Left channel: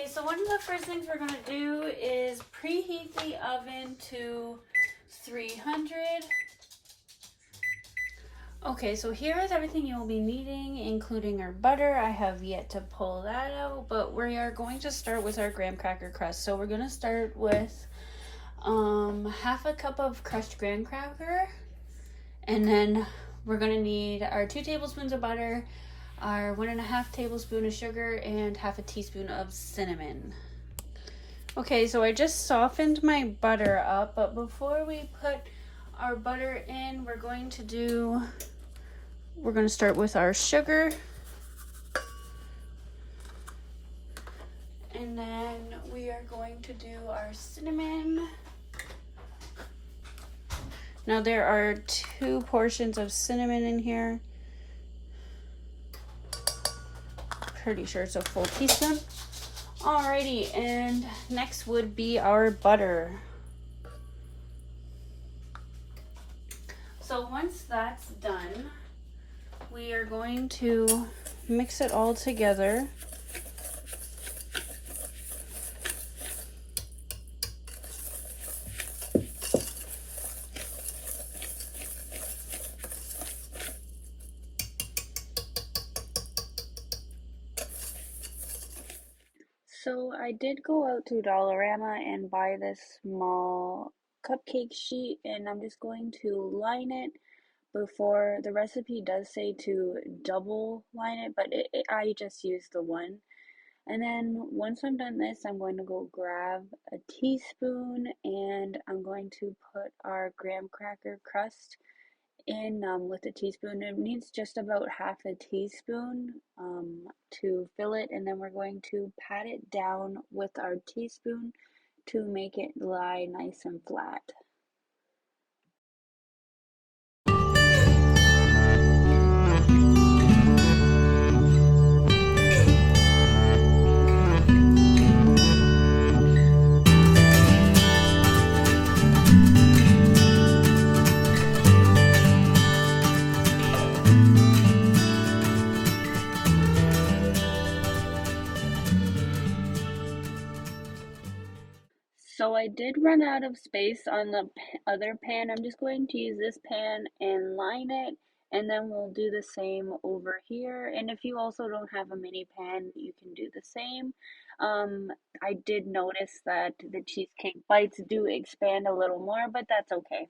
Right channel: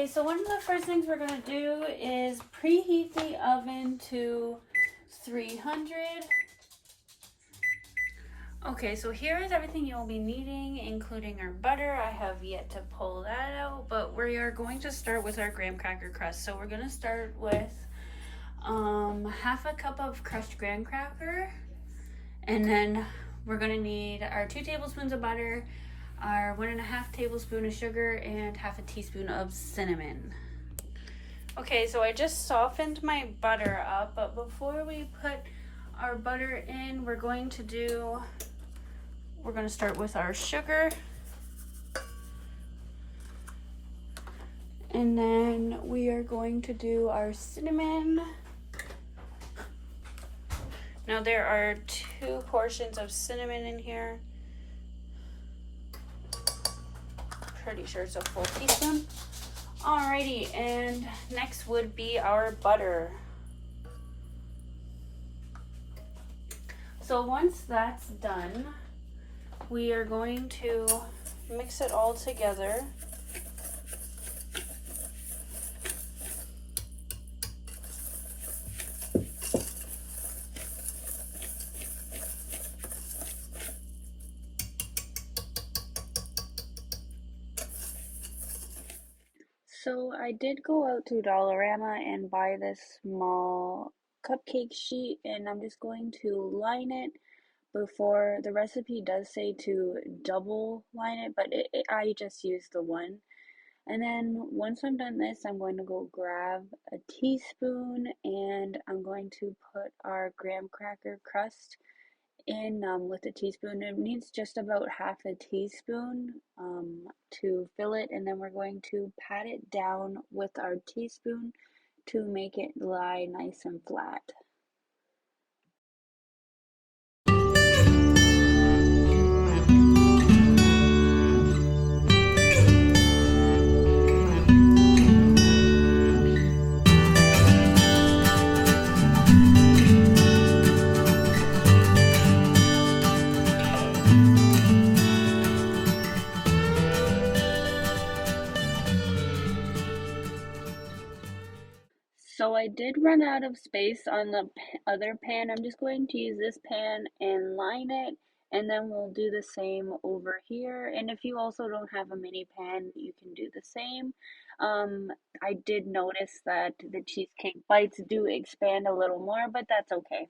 Okay, so one of the first things we're going to do is preheat the oven to 300. Okay, so here is everything you'll be needing, including our butter. I have yet to pull that out, but we are going to start with our graham cracker crust. So we're going to start with half a cup of crushed graham cracker, and then we're going to need our 2 tablespoons of butter, our 1.5 tablespoon of sugar, and half a teaspoon of cinnamon. Okay, so I just softened my butter up, but before we put our butter in, we're going to start with our sugar, and then we are going to do our cinnamon. Now there are 2 portions of cinnamon in here. Pretty sure it's a full teaspoon. Alrighty, and next would be our butter. So once that's done, we are going to mix it all together. So I did go out to Dollarama and buy this small cupcake sheet, and I'm just going to line it. Before, the recipe does say to double line it, but I just used the one. And then once I'm done this, I'm going to go grab a teaspoon, and I'm going to put our graham cracker crust in with a teaspoon. It needs just about half a teaspoon to fill it, and then we're going to pat it down with our teaspoon to make it lie nice and flat. So I did run out of space on the other pan. I'm just going to use this pan and line it, and then we'll do the same over here. And if you also don't have a mini pan, you can do the same. I did notice that the cheesecake bites do expand a little more, but that's okay.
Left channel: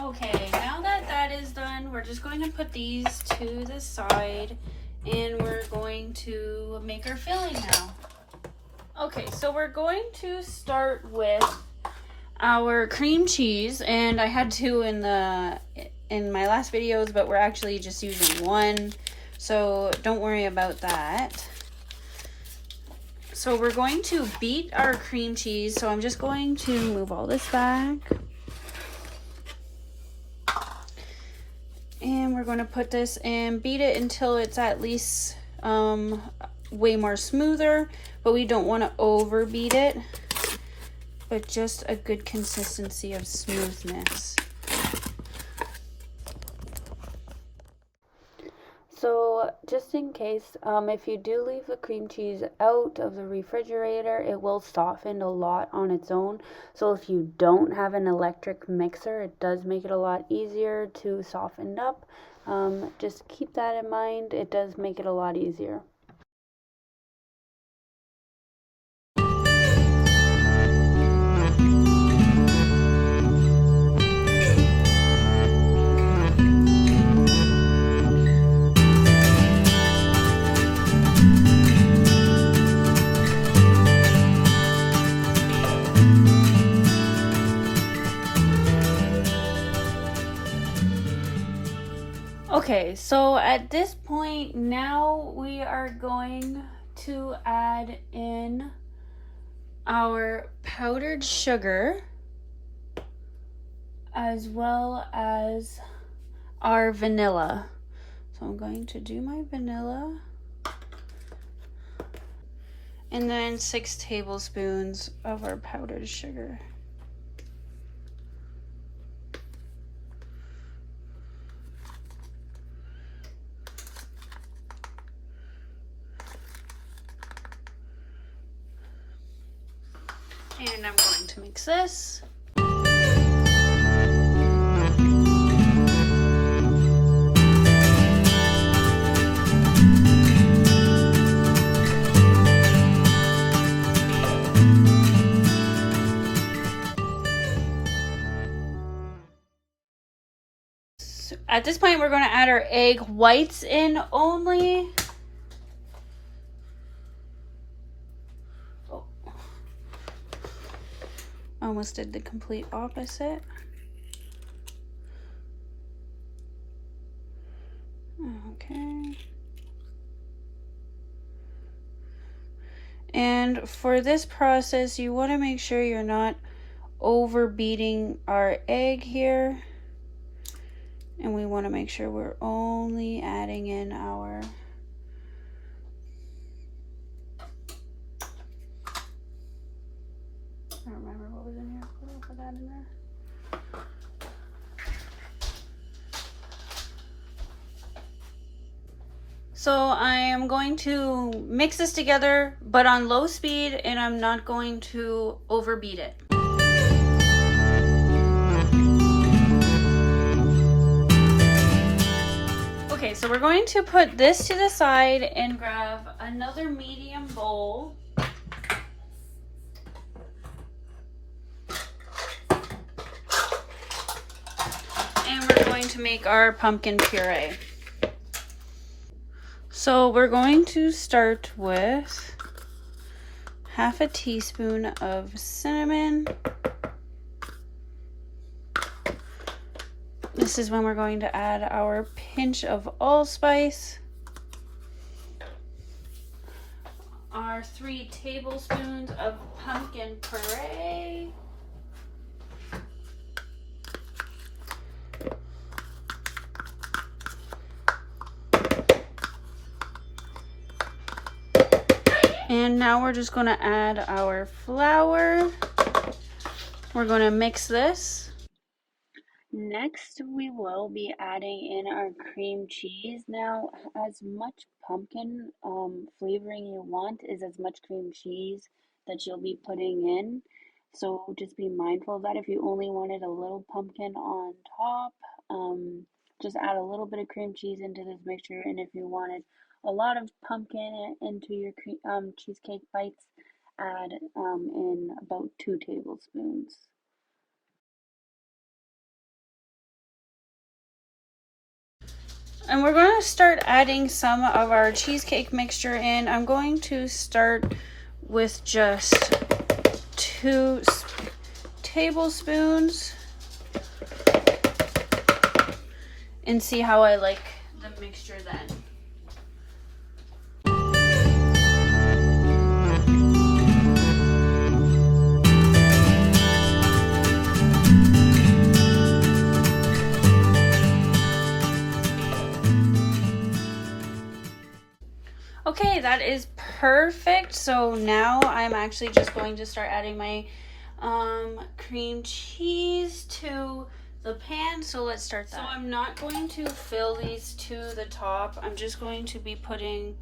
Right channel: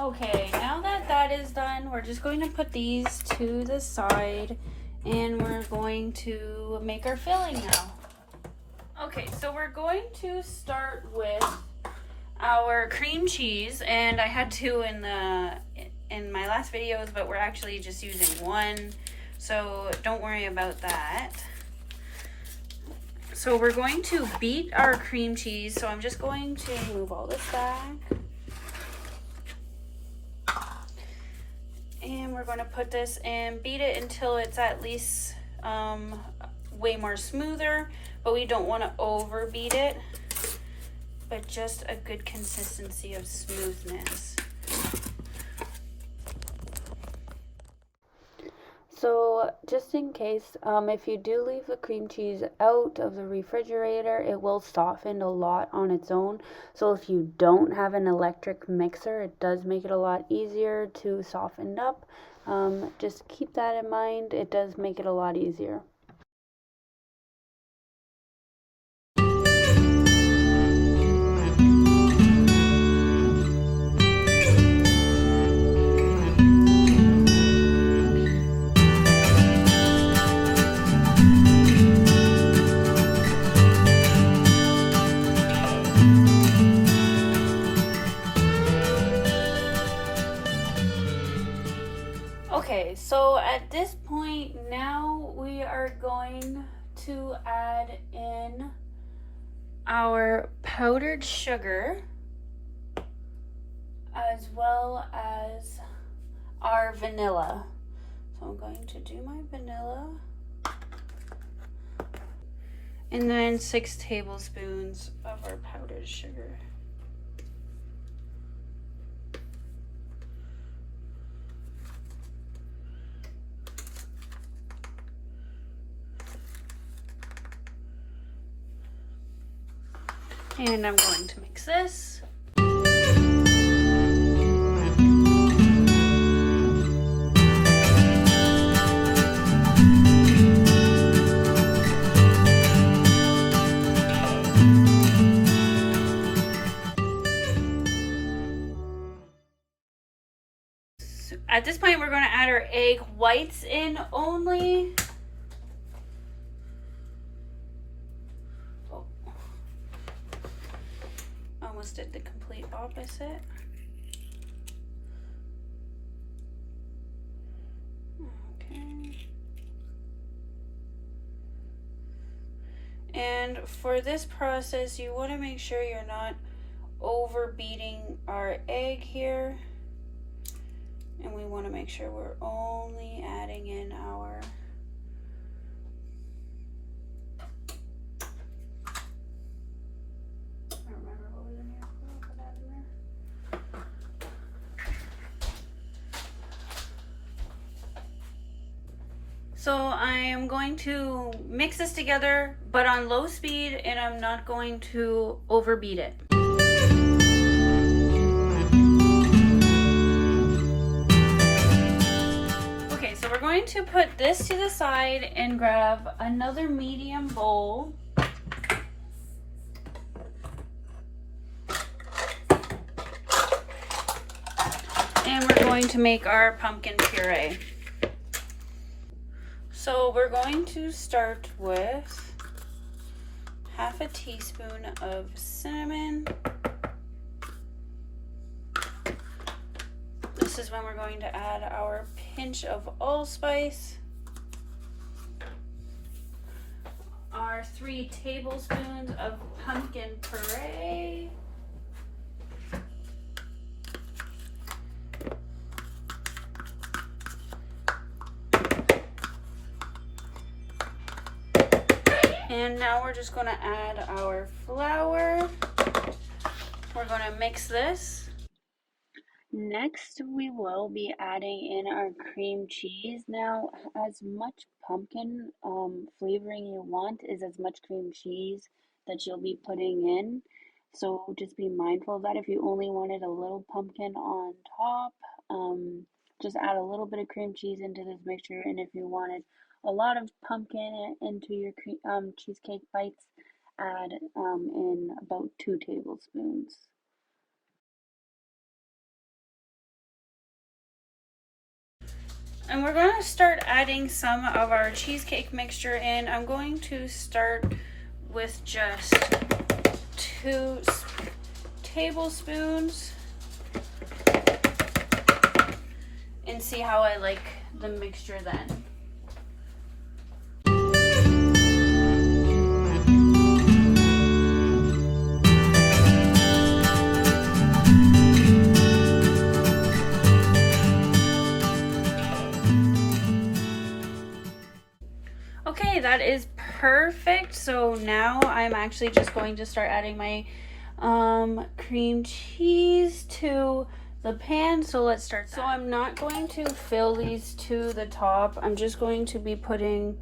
Okay, now that that is done, we're just going to put these to the side, and we're going to make our filling now. Okay, so we're going to start with our cream cheese, and I had 2 in my last videos, but we're actually just using 1, so don't worry about that. So we're going to beat our cream cheese, so I'm just going to move all this back. And we're going to put this and beat it until it's at least way more smoother, but we don't want to overbeat it, but just a good consistency of smoothness. So just in case, if you do leave the cream cheese out of the refrigerator, it will soften a lot on its own. So if you don't have an electric mixer, it does make it a lot easier to soften up. Just keep that in mind. It does make it a lot easier. Okay, so at this point now we are going to add in our powdered sugar as well as our vanilla. So I'm going to do my vanilla, and then 6 tablespoons of our powdered sugar. And I'm going to mix this. At this point, we're going to add our egg whites in only. Oh. Almost did the complete opposite. Okay. And for this process, you want to make sure you're not over beating our egg here. And we want to make sure we're only adding in our I don't remember what was in here. We'll put that in there. So I am going to mix this together, but on low speed, and I'm not going to overbeat it. Okay, so we're going to put this to the side and grab another medium bowl. And we're going to make our pumpkin puree. So we're going to start with half a teaspoon of cinnamon. This is when we're going to add our pinch of allspice, our 3 tablespoons of pumpkin puree, and now we're just going to add our flour. We're going to mix this. Next, we will be adding in our cream cheese. Now, as much pumpkin flavoring you want is as much cream cheese that you'll be putting in. So just be mindful of that. If you only wanted a little pumpkin on top, just add a little bit of cream cheese into this mixture. And if you wanted a lot of pumpkin into your cheesecake bites, add in about 2 tablespoons. And we're going to start adding some of our cheesecake mixture in. I'm going to start with just 2 tablespoons and see how I like the mixture then. Okay, that is perfect. So now I'm actually just going to start adding my cream cheese to the pan. So let's start that. So I'm not going to fill these to the top. I'm just going to be putting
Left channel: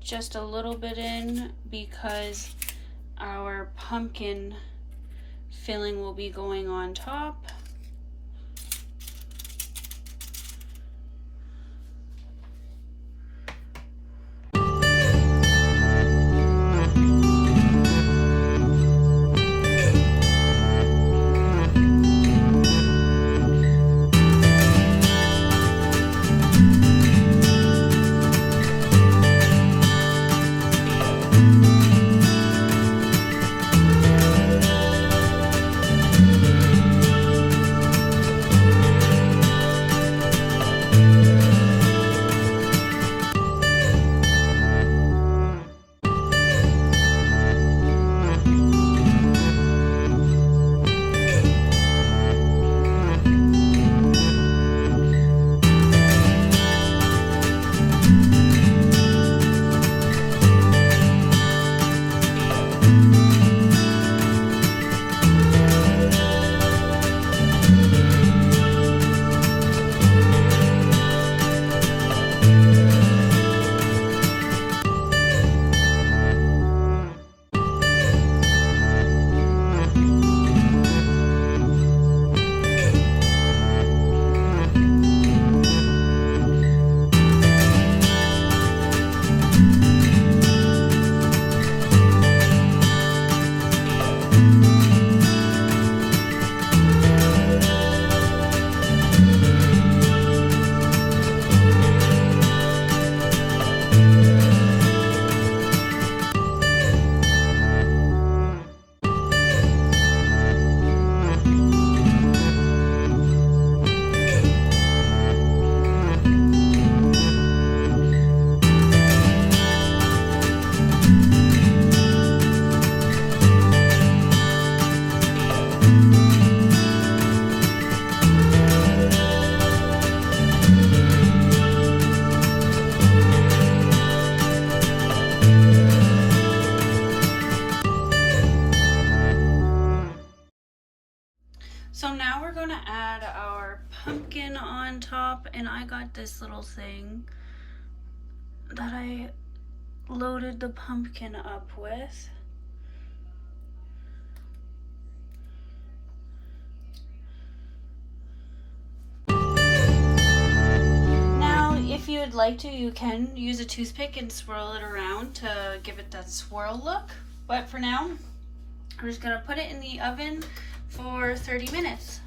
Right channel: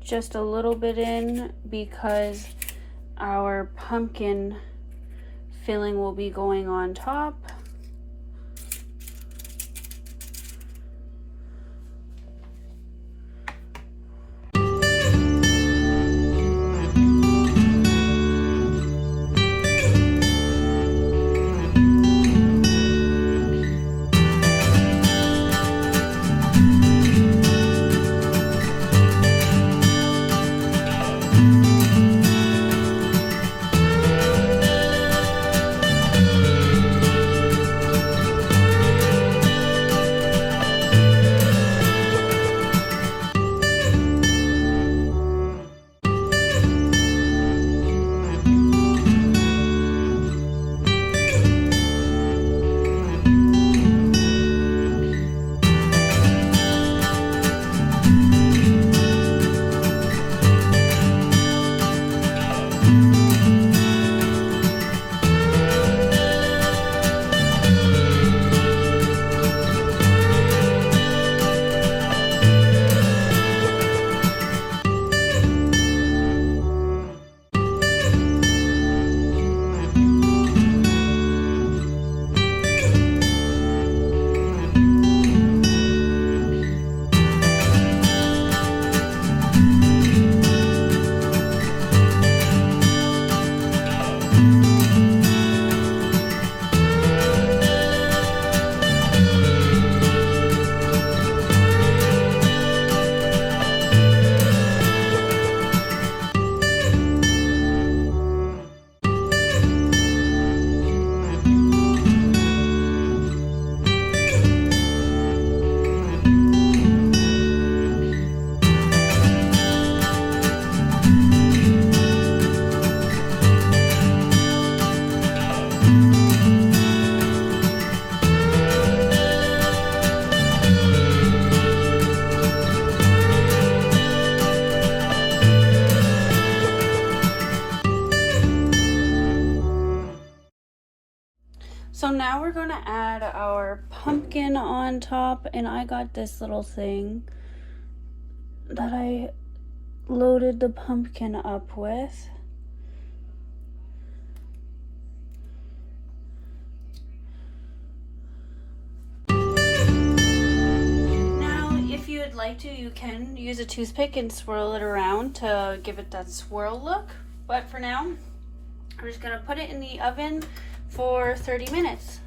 just a little bit in because our pumpkin filling will be going on top. So now we're gonna add our pumpkin on top, and I got this little thing that I loaded the pumpkin up with. Now, if you would like to, you can use a toothpick and swirl it around to give it that swirl look. But for now, I'm just gonna put it in the oven for 30 minutes.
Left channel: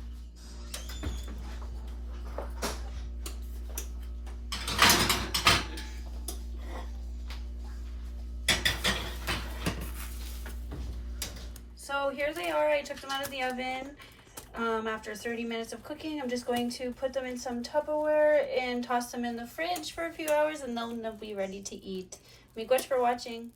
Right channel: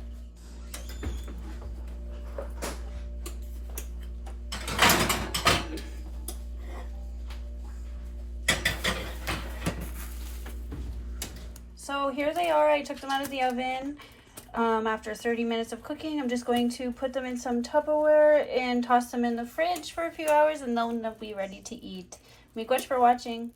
So here they are. I took them out of the oven after 30 minutes of cooking. I'm just going to put them in some Tupperware and toss them in the fridge for a few hours, and then they'll be ready to eat. Miigwech for watching.